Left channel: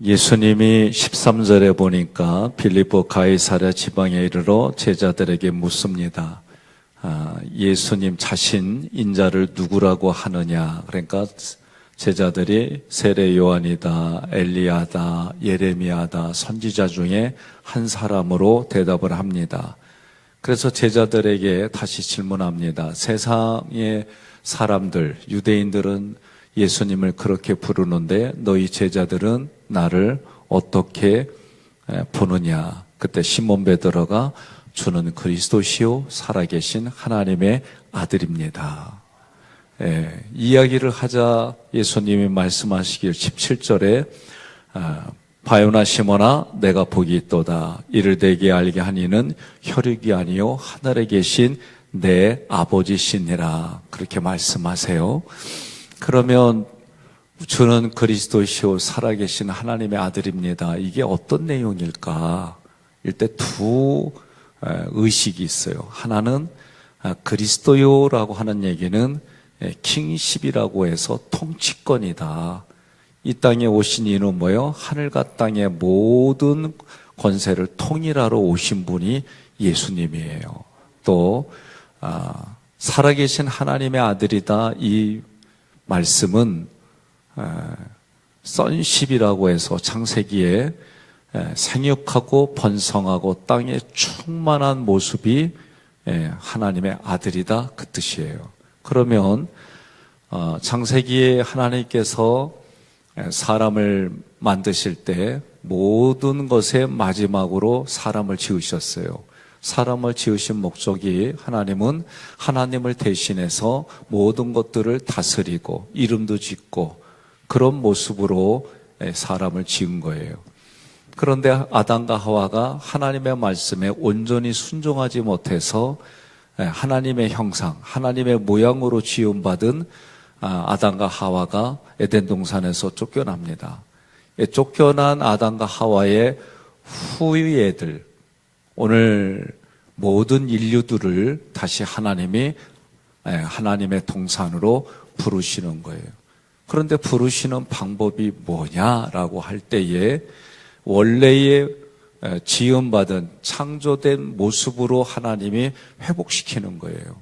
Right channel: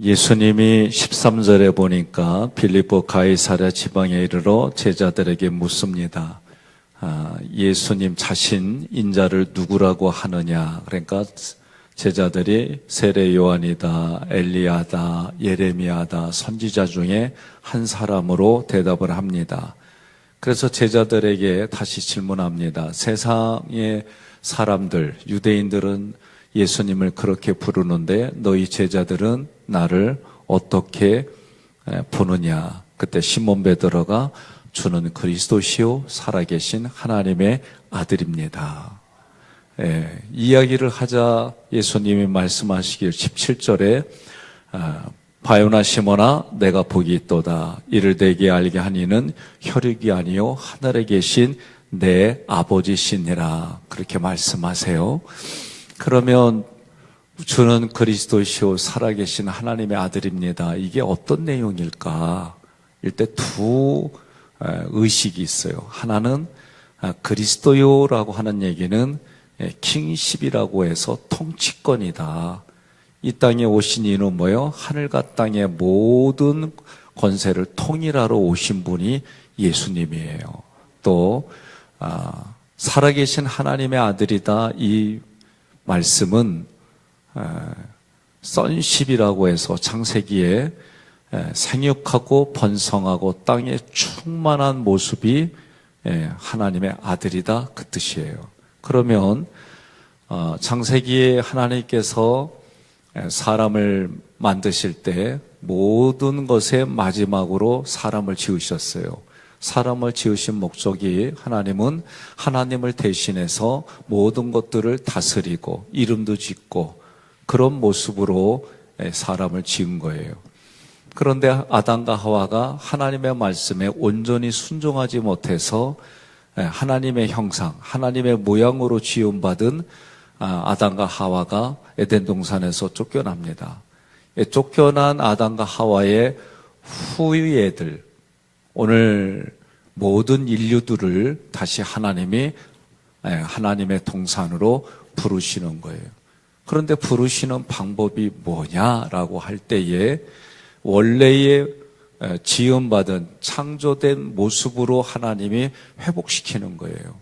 예수님이 13절에 보니까 빌립보 가이사랴 지방에 이르러 제자들에게 묻습니다. 아, 예수님 자신 인자를 누구라고 하느냐? 그러니까 제자들이 세례 요한이다, 엘리야다, 예레미야다, 선지자 중에 한 사람으로 대답을 합니다. 그래서 제자들에게 다시 질문합니다. 세상의 사람들, 유대인들은 예수님을 그렇게 부르는데 너희 제자들은 나를 어떻게 에, 보느냐. 그때 시몬 베드로가 주는 그리스도시요 살아계신 하나님의 아들입니다. 예, 이야기를 하자 예수님이 말씀하시길 17절에 아, 바요나 시모나 내가 복이 있도다 이를 되게 알게 하니는 혈육이 아니요 하늘에 계신 내 아버지시니라 그렇게 말씀하세요. 그러면 주는 그리스도시요 살아계신 하나님의 아들입니다. 이게 어떤 내용일까? 일대 두 에, 의식이 있어요. 하나는 아, 그리스도요라고 하는 얘기는 예, 킹십이라고 해서 통치권이다. 이 땅에 오신 이는 뭐요? 하늘과 땅의 모든 권세를 통일하러 오신 분이 예수님이에요. 또 아, 살아계신 하나님의 아들이다. 이 말씀은 아, 선십이라고 해서 창세기에 에, 생육하고 번성하고 땅에 충만한 모습이 에, 하나님의 아들이다 그 뜻이에요. 그러면 어, 창세기에 하나님께서 에, 사람을 만드실 때 모든 것의 마지막으로 사람을 지으셨어요. 사람을 지으신 목적이 하나님은 하나님을 대신해서 모든 것들을 다스리고 이름도 짓고 그런 모습으로 에, 사람을 지은 거예요. 그런데 아담과 하와가 하나님의 말씀에 온전히 순종하지 못해서 예, 하나님의 형상, 하나님의 모양으로 지음받은 아, 아담과 하와가 에덴 동산에서 쫓겨납니다. 예, 쫓겨난 아담과 하와의 후예들, 오늘 모든 인류들을 다시 하나님이 예, 하나님의 동산으로 부르시는 거예요. 그런데 부르시는 방법이 뭐냐라고 할 때에 원래의 에, 지음받은 창조된 모습으로 하나님이 회복시키는 거예요.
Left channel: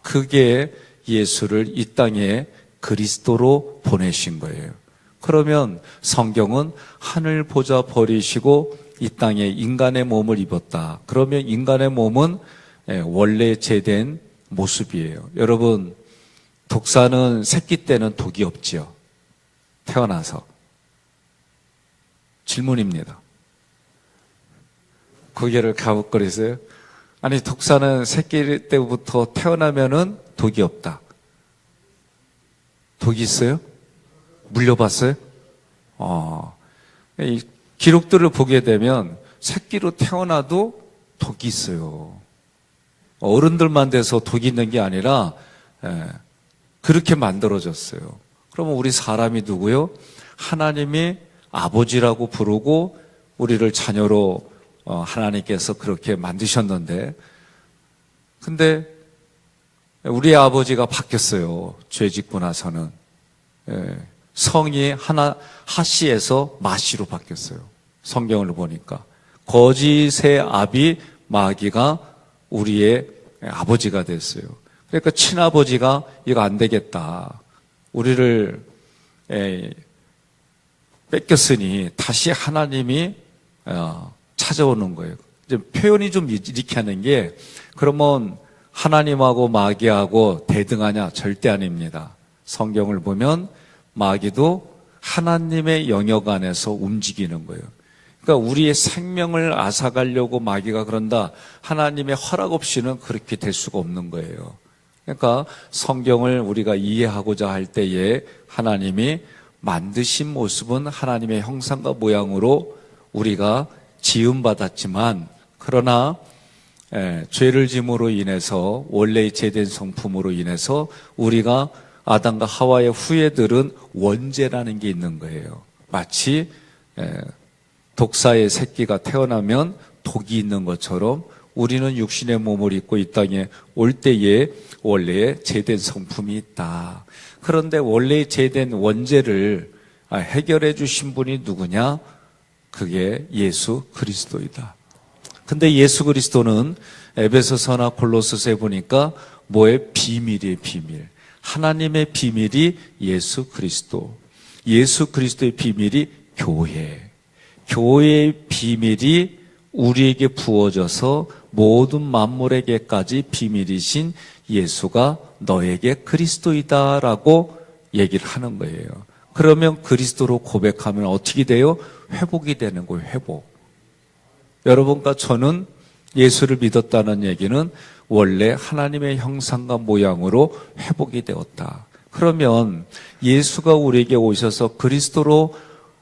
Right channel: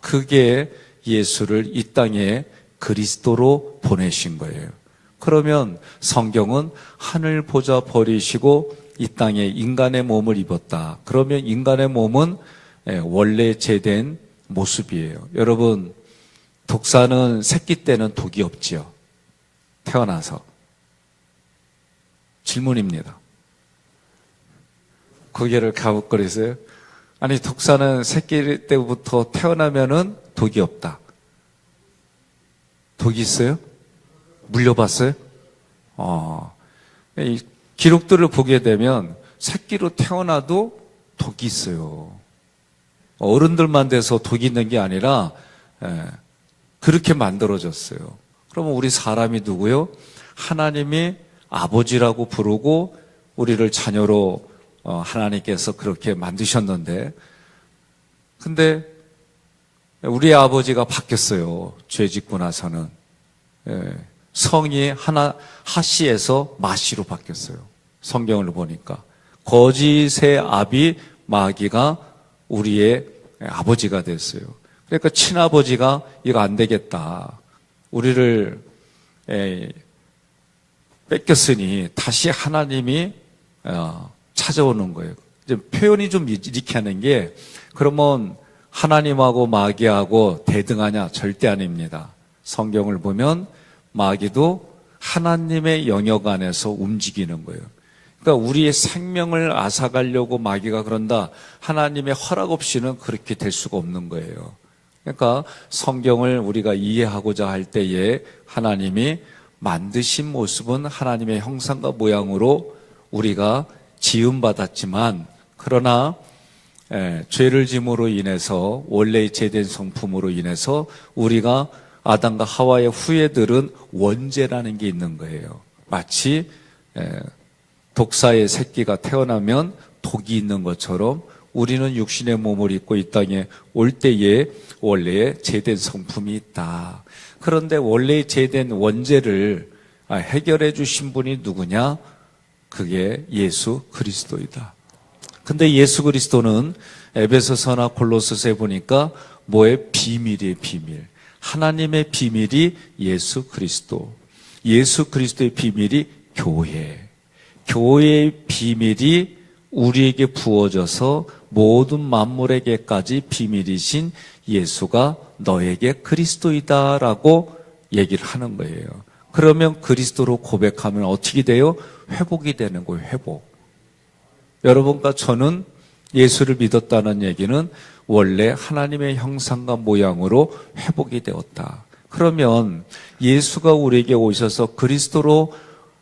그게 예수를 이 땅에 그리스도로 보내신 거예요. 그러면 성경은 하늘 보자 버리시고 이 땅에 인간의 몸을 입었다. 그러면 인간의 몸은 에, 원래 제된 모습이에요. 여러분, 독사는 새끼 때는 독이 없지요. 태어나서. 질문입니다. 고개를 가웃거리세요. 아니, 독사는 새끼 때부터 태어나면은 독이 없다. 독이 있어요? 물려봤어요? 어, 이 기록들을 보게 되면 새끼로 태어나도 독이 있어요. 어른들만 돼서 독이 있는 게 아니라, 예, 그렇게 만들어졌어요. 그러면 우리 사람이 누구요? 하나님이 아버지라고 부르고 우리를 자녀로 어, 하나님께서 그렇게 만드셨는데, 근데 우리 아버지가 바뀌었어요. 죄 짓고 나서는. 예, 성이 하나, 하씨에서 마씨로 바뀌었어요. 성경을 보니까. 거짓의 아비 마귀가 우리의 아버지가 됐어요. 그러니까 친아버지가 이거 안 되겠다. 우리를 에, 뺏겼으니 다시 하나님이 어, 찾아오는 거예요. 이제 표현이 좀 이렇게 하는 게 그러면 하나님하고 마귀하고 대등하냐 절대 아닙니다. 성경을 보면 마귀도 하나님의 영역 안에서 움직이는 거예요. 그러니까 우리의 생명을 앗아가려고 마귀가 그런다. 하나님의 허락 없이는 그렇게 될 수가 없는 거예요. 그러니까 성경을 우리가 이해하고자 할 때에 하나님이 만드신 모습은 하나님의 형상과 모양으로 우리가 지음받았지만 그러나 에, 죄를 짐으로 인해서 원래의 제된 성품으로 인해서 우리가 아담과 하와의 후예들은 원죄라는 게 있는 거예요. 마치 에, 독사의 새끼가 태어나면 독이 있는 것처럼 우리는 육신의 몸을 입고 이 땅에 올 때에 원래의 제된 성품이 있다. 그런데 원래 제된 원죄를 아, 해결해 주신 분이 누구냐? 그게 예수 그리스도이다. 근데 예수 그리스도는 에베소서나 골로스에 보니까 뭐의 비밀이 비밀. 하나님의 비밀이 예수 그리스도. 예수 그리스도의 비밀이 교회. 교회의 비밀이 우리에게 부어져서 모든 만물에게까지 비밀이신 예수가 너에게 그리스도이다라고 얘기를 하는 거예요. 그러면 그리스도로 고백하면 어떻게 돼요? 회복이 되는 거예요, 회복. 여러분과 저는 예수를 믿었다는 얘기는 원래 하나님의 형상과 모양으로 회복이 되었다. 그러면 예수가 우리에게 오셔서 그리스도로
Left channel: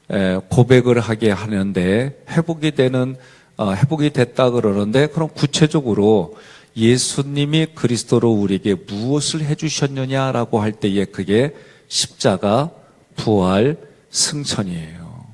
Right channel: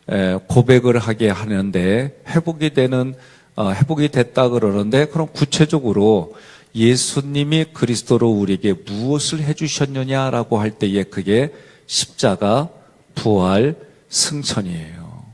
에, 고백을 하게 하는데 회복이 되는 어, 회복이 됐다 그러는데 그럼 구체적으로 예수님이 그리스도로 우리에게 무엇을 해주셨느냐라고 할 때에 그게 십자가 부활 승천이에요.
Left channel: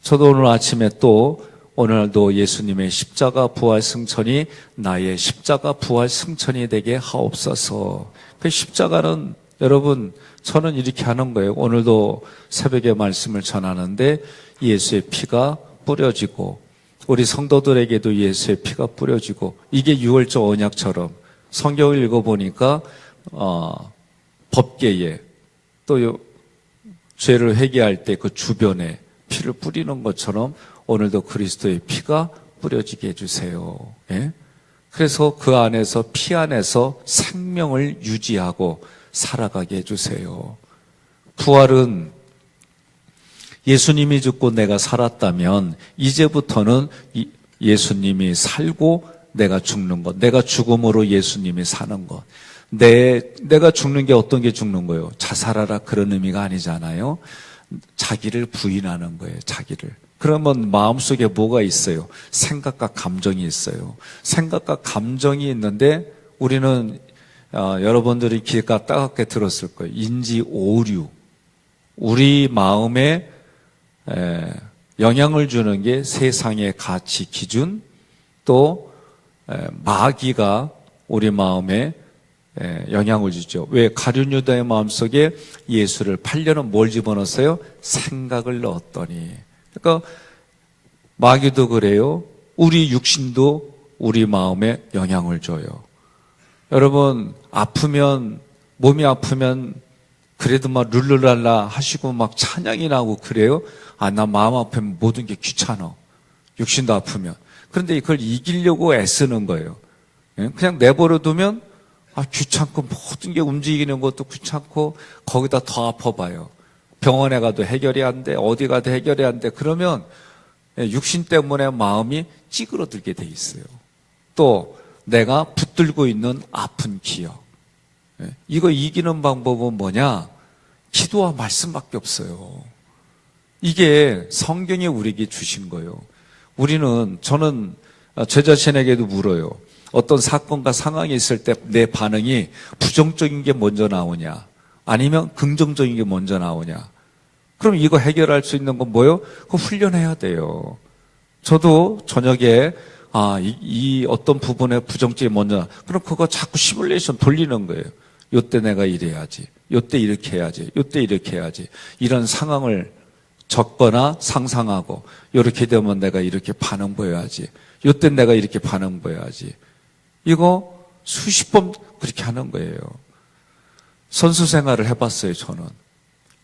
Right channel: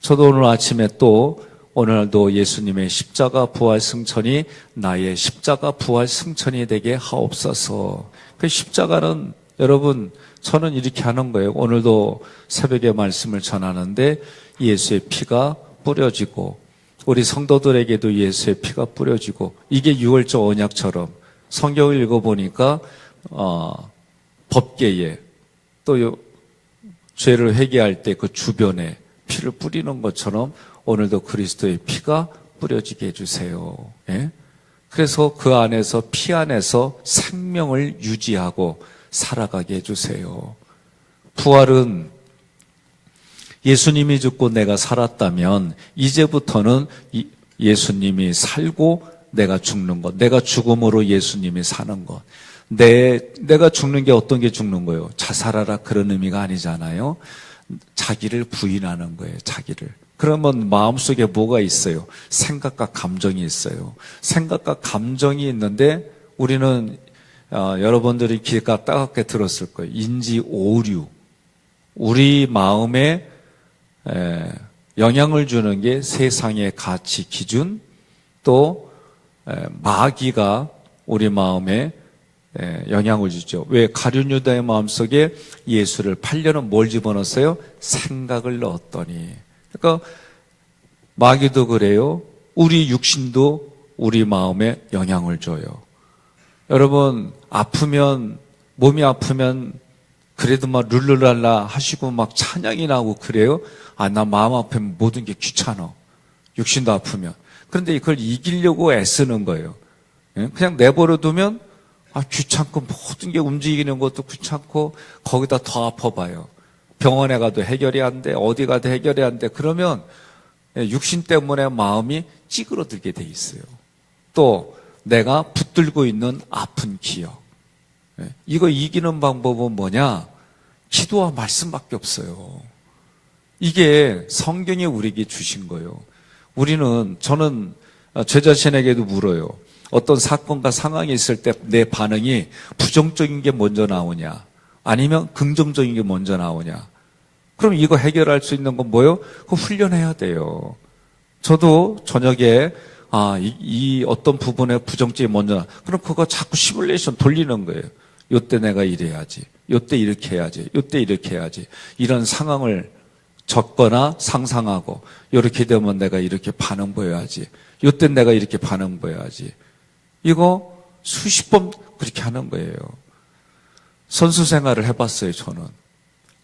저도 오늘 아침에 또 오늘도 예수님의 십자가 부활 승천이 나의 십자가 부활 승천이 되게 하옵소서. 그 십자가는 여러분 저는 이렇게 하는 거예요. 오늘도 새벽에 말씀을 전하는데 예수의 피가 뿌려지고 우리 성도들에게도 예수의 피가 뿌려지고 이게 유월절 언약처럼 성경을 읽어보니까 어, 법계에 또 요- 죄를 회개할 때 그 주변에 피를 뿌리는 것처럼 오늘도 그리스도의 피가 뿌려지게 해주세요. 예? 그래서 그 안에서 피 안에서 생명을 유지하고 살아가게 해주세요. 부활은 예수님이 죽고 내가 살았다면 이제부터는 이- 예수님이 살고 내가 죽는 것, 내가 죽음으로 예수님이 사는 것. 내, 내가 죽는 게 어떤 게 죽는 거예요? 자살하라 그런 의미가 아니잖아요. 자기를 부인하는 거예요, 자기를. 그러면 마음속에 뭐가 있어요? 생각과 감정이 있어요. 생각과 감정이 있는데 우리는 어, 여러분들이 귀가 따갑게 들었을 거예요. 인지 오류. 우리 마음에 에, 영향을 주는 게 세상의 가치 기준 또 에, 마귀가 우리 마음에 에, 영향을 주죠. 왜 가룟 유다의 마음속에 예수를 팔려는 뭘 집어넣었어요? 생각을 넣었더니. 그러니까 마귀도 그래요. 우리 육신도 우리 마음에 영향을 줘요. 여러분 아프면 몸이 아프면 그래도 막 룰루랄라 하시고 막 찬양이 나고 그래요. 아 나 마음 아프면 모든 게 귀찮아. 육신도 아프면. 그런데 이걸 이기려고 애쓰는 거예요. 예? 그냥 내버려 두면 아 귀찮고 모든 게 움직이는 것도 귀찮고 거기다 더 아파봐요. 병원에 가도 해결이 안 돼. 어디 가도 해결이 안 돼. 그러면 예, 육신 때문에 마음이 찌그러들게 돼 있어요. 또 내가 붙들고 있는 아픈 기억. 예, 이거 이기는 방법은 뭐냐? 기도와 말씀밖에 없어요. 이게 성경이 우리에게 주신 거예요. 우리는 저는 제 자신에게도 물어요. 어떤 사건과 상황이 있을 때 내 반응이 부정적인 게 먼저 나오냐? 아니면 긍정적인 게 먼저 나오냐? 그럼 이거 해결할 수 있는 건 뭐예요? 그거 훈련해야 돼요. 저도 저녁에 아, 이, 이 어떤 부분에 부정점이 먼저 나. 그럼 그거 자꾸 시뮬레이션 돌리는 거예요. 요때 내가 이래야지. 요때 이렇게 해야지. 요때 이렇게 해야지. 이런 상황을 적거나 상상하고 이렇게 되면 내가 이렇게 반응 보여야지. 요때 내가 이렇게 반응 보여야지. 이거 수십 번 그렇게 하는 거예요. 선수 생활을 해봤어요, 저는.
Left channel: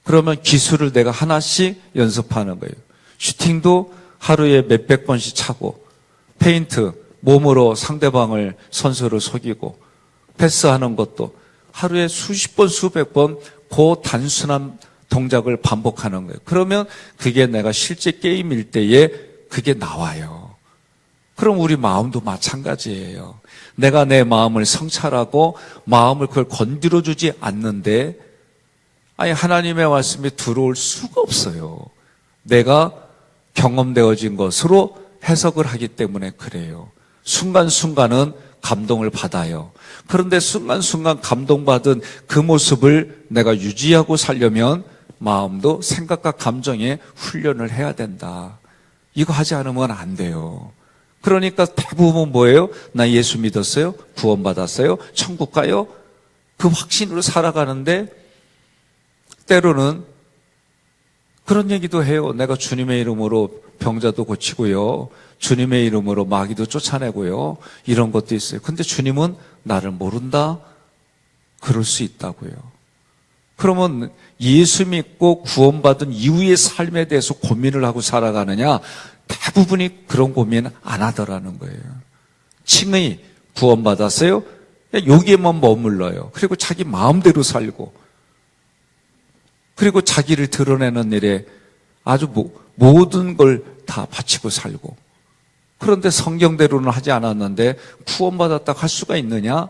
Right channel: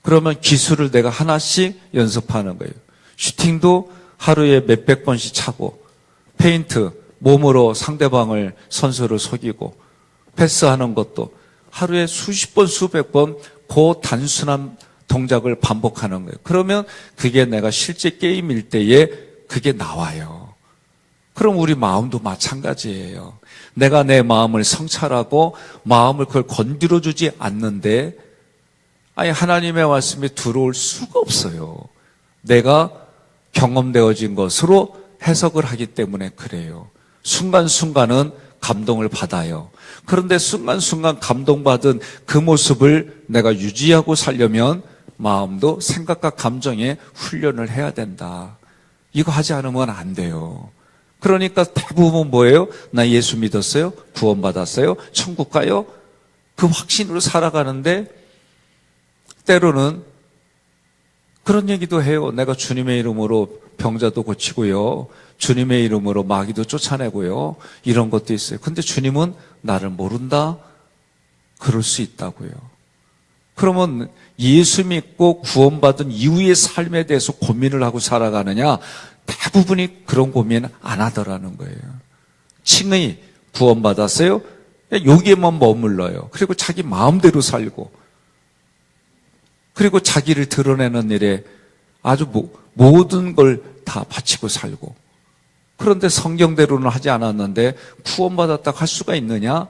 그러면 기술을 내가 하나씩 연습하는 거예요. 슈팅도 하루에 몇백 번씩 차고, 페인트, 몸으로 상대방을 선수를 속이고, 패스하는 것도 하루에 수십 번, 수백 번, 그 단순한 동작을 반복하는 거예요. 그러면 그게 내가 실제 게임일 때에 그게 나와요. 그럼 우리 마음도 마찬가지예요. 내가 내 마음을 성찰하고 마음을 그걸 건드려 주지 않는데 아니 하나님의 말씀이 들어올 수가 없어요. 내가 경험되어진 것으로 해석을 하기 때문에 그래요. 순간순간은 감동을 받아요. 그런데 순간순간 감동받은 그 모습을 내가 유지하고 살려면 마음도 생각과 감정에 훈련을 해야 된다. 이거 하지 않으면 안 돼요. 그러니까 대부분 뭐예요? 나 예수 믿었어요? 구원받았어요? 천국 가요? 그 확신으로 살아가는데 때로는 그런 얘기도 해요. 내가 주님의 이름으로 병자도 고치고요. 주님의 이름으로 마귀도 쫓아내고요. 이런 것도 있어요. 근데 주님은 나를 모른다? 그럴 수 있다고요. 그러면 예수 믿고 구원받은 이후의 삶에 대해서 고민을 하고 살아가느냐? 대부분이 그런 고민 안 하더라는 거예요. 친히 구원받았어요? 여기에만 머물러요. 그리고 자기 마음대로 살고, 그리고 자기를 드러내는 일에 아주 모- 모든 걸 다 바치고 살고, 그런데 성경대로는 하지 않았는데 구원받았다고 할 수가 있느냐?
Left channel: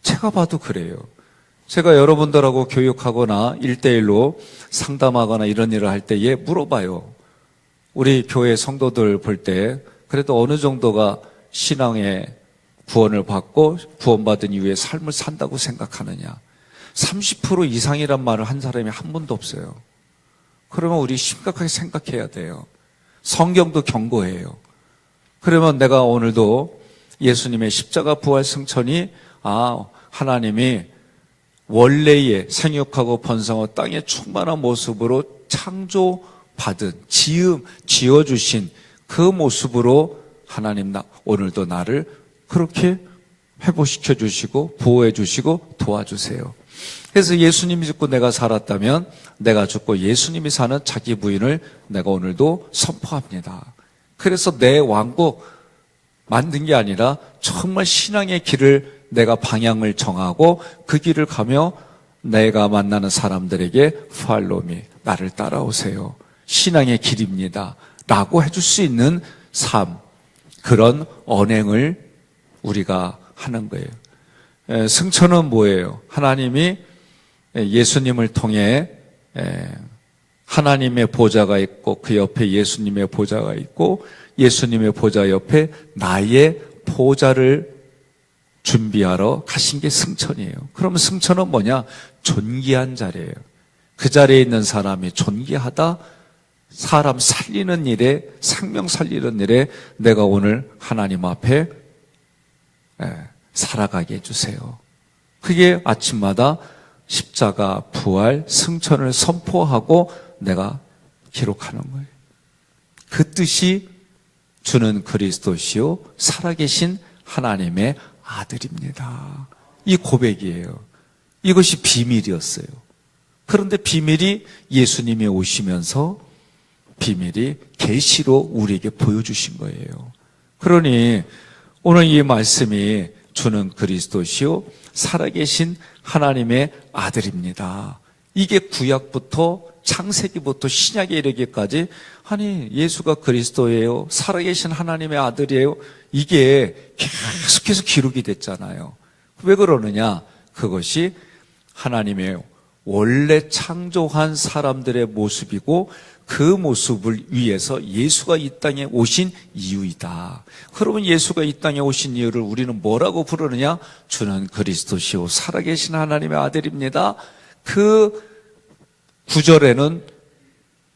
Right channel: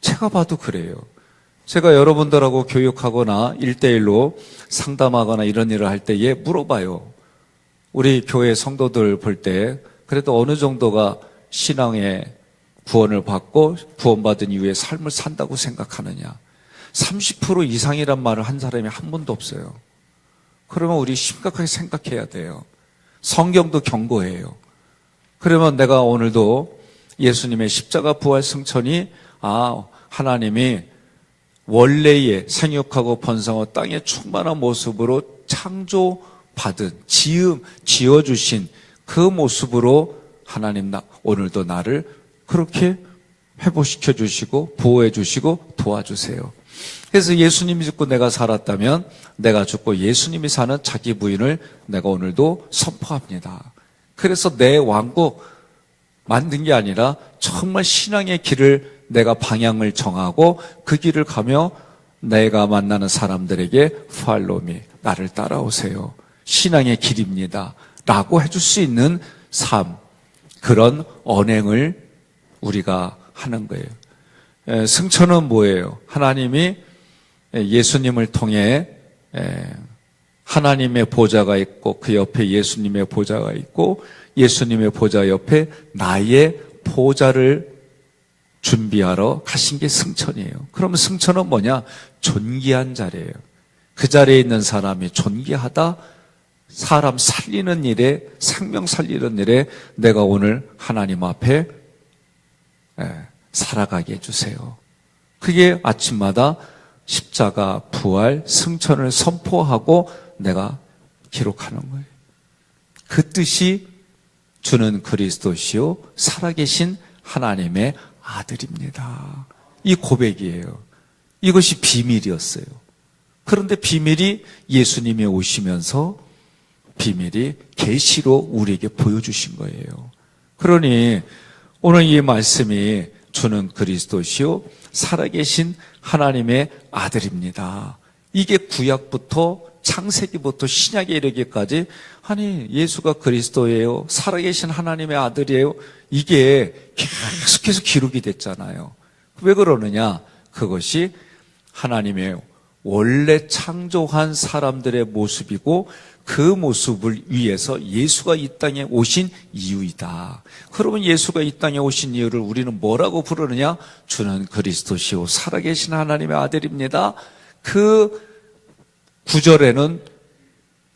제가 봐도 그래요. 제가 여러분들하고 교육하거나 일대일로 상담하거나 이런 일을 할 때에 물어봐요. 우리 교회 성도들 볼 때 그래도 어느 정도가 신앙의 구원을 받고 구원받은 이후에 삶을 산다고 생각하느냐. 30% 이상이란 말을 한 사람이 한 번도 없어요. 그러면 우리 심각하게 생각해야 돼요. 성경도 경고해요. 그러면 내가 오늘도 예수님의 십자가 부활 승천이 아 하나님이 원래의 생육하고 번성한 땅의 충만한 모습으로 창조 받은 지음 지어 주신 그 모습으로 하나님 나 오늘도 나를 그렇게 회복시켜 주시고 보호해 주시고 도와주세요. 그래서 예수님이 죽고 내가 살았다면 내가 죽고 예수님이 사는 자기 부인을 내가 오늘도 선포합니다. 그래서 내 왕국 만든 게 아니라 정말 신앙의 길을 내가 방향을 정하고 그 길을 가며 내가 만나는 사람들에게 팔로미 나를 따라오세요. 신앙의 길입니다. 라고 해줄 수 있는 삶 그런 언행을 우리가 하는 거예요. 에, 승천은 뭐예요? 하나님이 에, 예수님을 통해 에, 하나님의 보좌가 있고 그 옆에 예수님의 보좌가 있고 예수님의 보좌 옆에 나의 보좌를 준비하러 가신 게 승천이에요. 그러면 승천은 뭐냐? 존귀한 자리예요. 그 자리에 있는 사람이 존귀하다. 사람 살리는 일에 생명 살리는 일에 내가 오늘 하나님 앞에 예, 살아가게 해주세요. 그게 아침마다 십자가 부활 승천을 선포하고 내가 기록하는 거예요. 그 뜻이 주는 그리스도시요 살아계신 하나님의 아들입니다. 이 고백이에요. 이것이 비밀이었어요. 그런데 비밀이 예수님이 오시면서 비밀이 계시로 우리에게 보여주신 거예요. 그러니 오늘 이 말씀이 주는 그리스도시요 살아계신 하나님의 아들입니다. 이게 구약부터 창세기부터 신약에 이르기까지 아니 예수가 그리스도예요. 살아계신 하나님의 아들이에요. 이게 계속해서 기록이 됐잖아요. 왜 그러느냐? 그것이 하나님의 원래 창조한 사람들의 모습이고 그 모습을 위해서 예수가 이 땅에 오신 이유이다. 그러면 예수가 이 땅에 오신 이유를 우리는 뭐라고 부르느냐? 주는 그리스도시요 살아계신 하나님의 아들입니다. 그 구절에는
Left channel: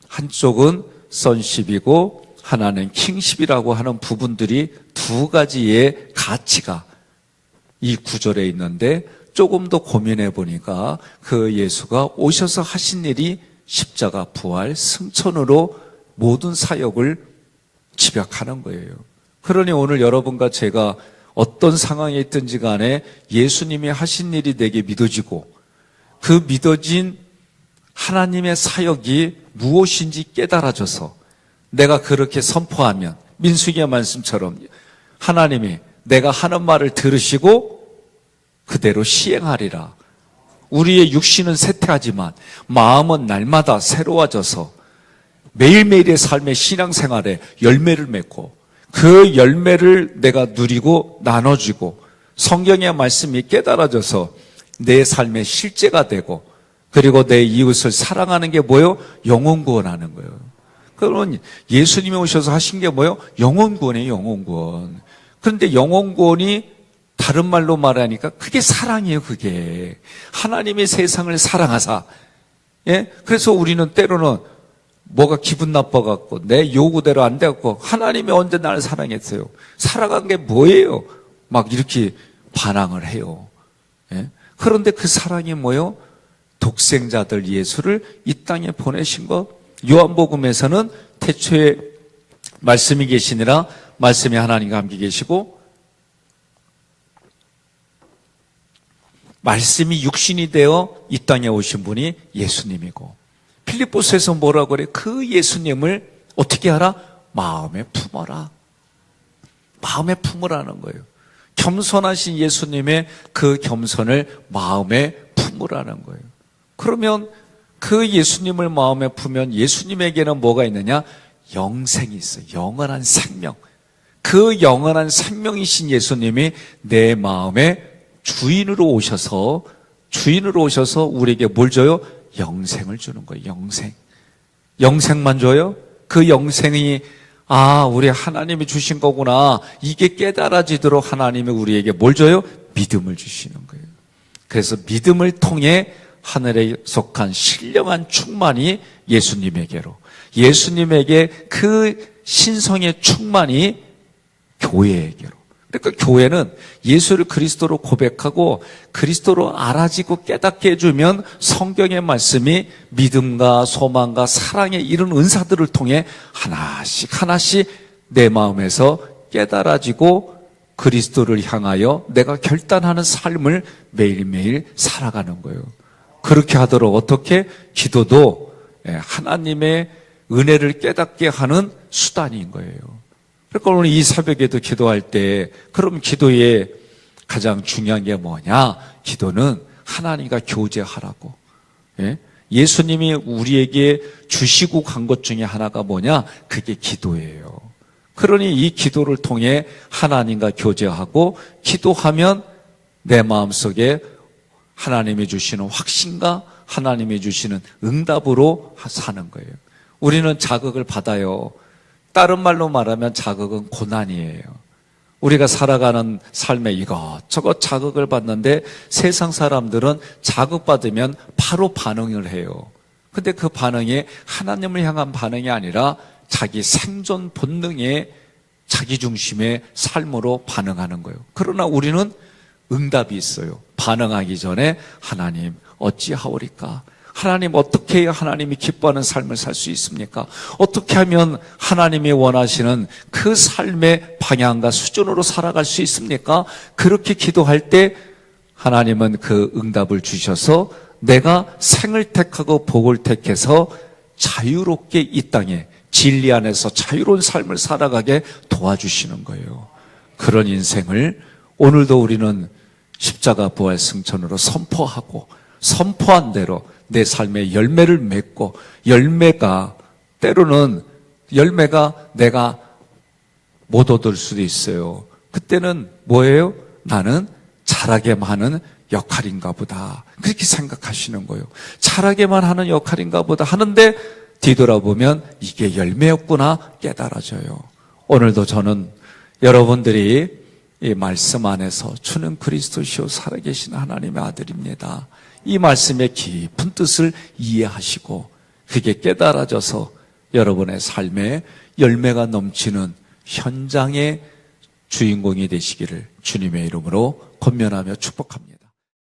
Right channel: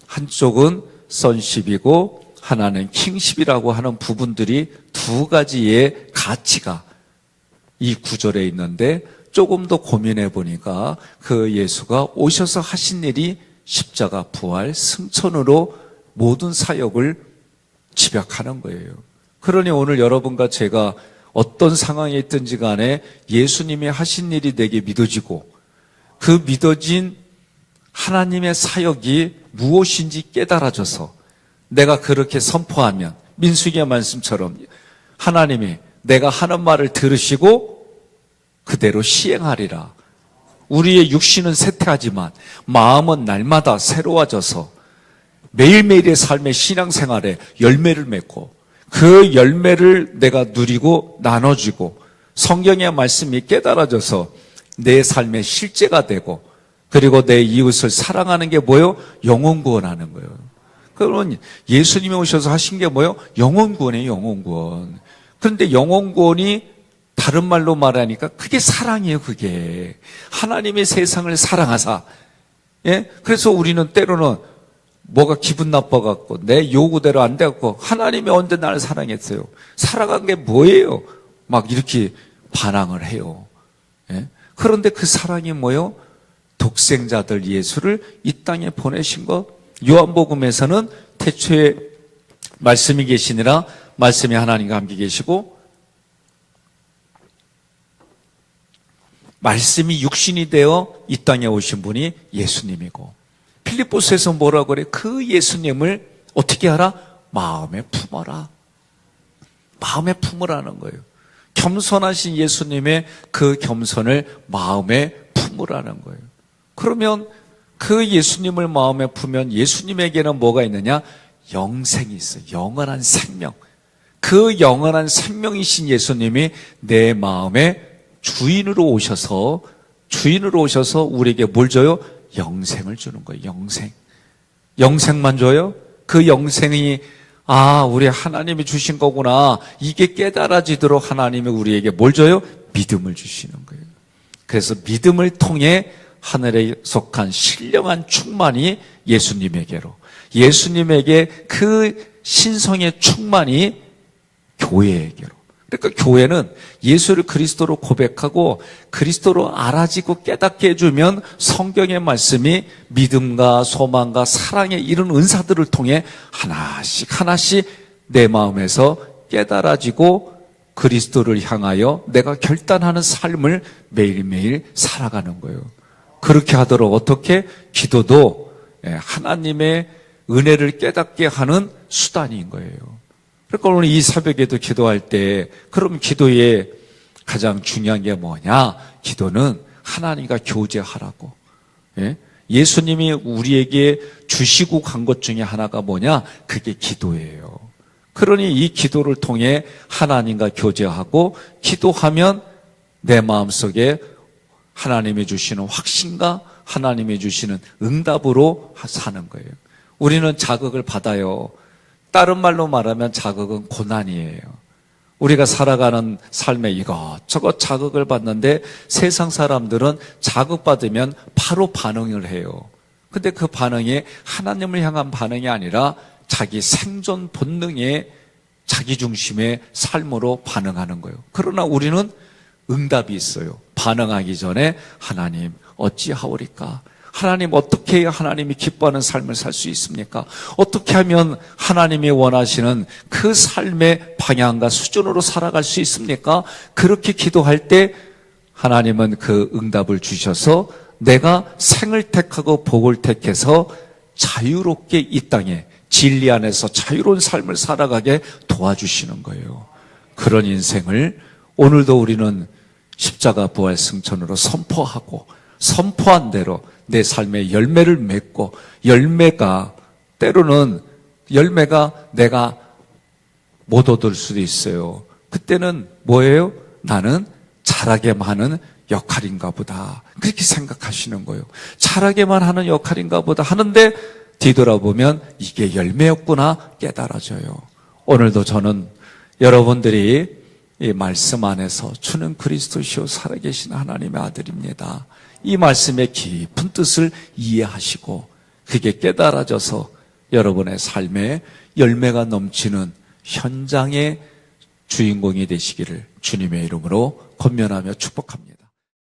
한쪽은 선십이고 하나는 킹십이라고 하는 부분들이 두 가지의 가치가 이 구절에 있는데 조금 더 고민해 보니까 그 예수가 오셔서 하신 일이 십자가 부활 승천으로 모든 사역을 집약하는 거예요. 그러니 오늘 여러분과 제가 어떤 상황에 있든지 간에 예수님이 하신 일이 내게 믿어지고 그 믿어진 하나님의 사역이 무엇인지 깨달아져서 내가 그렇게 선포하면 민수기의 말씀처럼 하나님이 내가 하는 말을 들으시고 그대로 시행하리라. 우리의 육신은 쇠퇴하지만 마음은 날마다 새로워져서 매일매일의 삶의 신앙생활에 열매를 맺고 그 열매를 내가 누리고 나눠주고 성경의 말씀이 깨달아져서 내 삶의 실제가 되고 그리고 내 이웃을 사랑하는 게 뭐예요? 영혼 구원하는 거예요. 그러면 예수님이 오셔서 하신 게 뭐예요? 영혼 구원이에요, 영혼 구원. 그런데 영혼 구원이 다른 말로 말하니까 그게 사랑이에요, 그게. 하나님의 세상을 사랑하사. 예? 그래서 우리는 때로는 뭐가 기분 나빠갖고 내 요구대로 안 돼갖고 하나님이 언제 나를 사랑했어요? 사랑한 게 뭐예요? 막 이렇게 반항을 해요. 예? 그런데 그 사랑이 뭐예요? 독생자들 예수를 이 땅에 보내신 것 요한복음에서는 태초에 말씀이 계시니라 말씀이 하나님과 함께 계시고 말씀이 육신이 되어 이 땅에 오신 분이 예수님이고 필리포스에서 뭐라고 그래? 그 예수님을 어떻게 하라? 마음에 품어라. 마음에 품으라는 거예요. 겸손하신 예수님의 그 겸손을 마음에 품으라는 거예요. 그러면 그 예수님을 마음에 품으면 예수님에게는 뭐가 있느냐? 영생이 있어요. 영원한 생명. 그 영원한 생명이신 예수님이 내 마음에 주인으로 오셔서 주인으로 오셔서 우리에게 뭘 줘요? 영생을 주는 거예요. 영생. 영생만 줘요? 그 영생이 아, 우리 하나님이 주신 거구나. 이게 깨달아지도록 하나님이 우리에게 뭘 줘요? 믿음을 주시는 거예요. 그래서 믿음을 통해 하늘에 속한 신령한 충만이 예수님에게로, 예수님에게 그 신성의 충만이 교회에게로. 그러니까 교회는 예수를 그리스도로 고백하고 그리스도로 알아지고 깨닫게 해주면 성경의 말씀이 믿음과 소망과 사랑의 이런 은사들을 통해 하나씩 하나씩 내 마음에서 깨달아지고 그리스도를 향하여 내가 결단하는 삶을 매일매일 살아가는 거예요. 그렇게 하도록 어떻게 기도도 예, 하나님의 은혜를 깨닫게 하는 수단인 거예요. 그러니까 오늘 이 새벽에도 기도할 때 그럼 기도의 가장 중요한 게 뭐냐? 기도는 하나님과 교제하라고. 예? 예수님이 우리에게 주시고 간 것 중에 하나가 뭐냐? 그게 기도예요. 그러니 이 기도를 통해 하나님과 교제하고 기도하면 내 마음속에 하나님이 주시는 확신과 하나님이 주시는 응답으로 사는 거예요. 우리는 자극을 받아요. 다른 말로 말하면 자극은 고난이에요. 우리가 살아가는 삶에 이것저것 자극을 받는데 세상 사람들은 자극받으면 바로 반응을 해요. 근데 그 반응이 하나님을 향한 반응이 아니라 자기 생존 본능의 자기 중심의 삶으로 반응하는 거예요. 그러나 우리는 응답이 있어요. 반응하기 전에 하나님 어찌하오리까? 하나님 어떻게 해야 하나님이 기뻐하는 삶을 살 수 있습니까? 어떻게 하면 하나님이 원하시는 그 삶의 방향과 수준으로 살아갈 수 있습니까? 그렇게 기도할 때 하나님은 그 응답을 주셔서 내가 생을 택하고 복을 택해서 자유롭게 이 땅에 진리 안에서 자유로운 삶을 살아가게 도와주시는 거예요. 그런 인생을 오늘도 우리는 십자가 부활 승천으로 선포하고 선포한 대로 내 삶의 열매를 맺고 열매가 때로는 열매가 내가 못 얻을 수도 있어요. 그때는 뭐예요? 나는 잘하게만 하는 역할인가 보다. 그렇게 생각하시는 거예요. 잘하게만 하는 역할인가 보다 하는데 뒤돌아보면 이게 열매였구나 깨달아져요. 오늘도 저는 여러분들이 이 말씀 안에서 주는 그리스도시요 살아계신 하나님의 아들입니다. 이 말씀의 깊은 뜻을 이해하시고 그게 깨달아져서 여러분의 삶에 열매가 넘치는 현장의 주인공이 되시기를 주님의 이름으로 권면하며 축복합니다.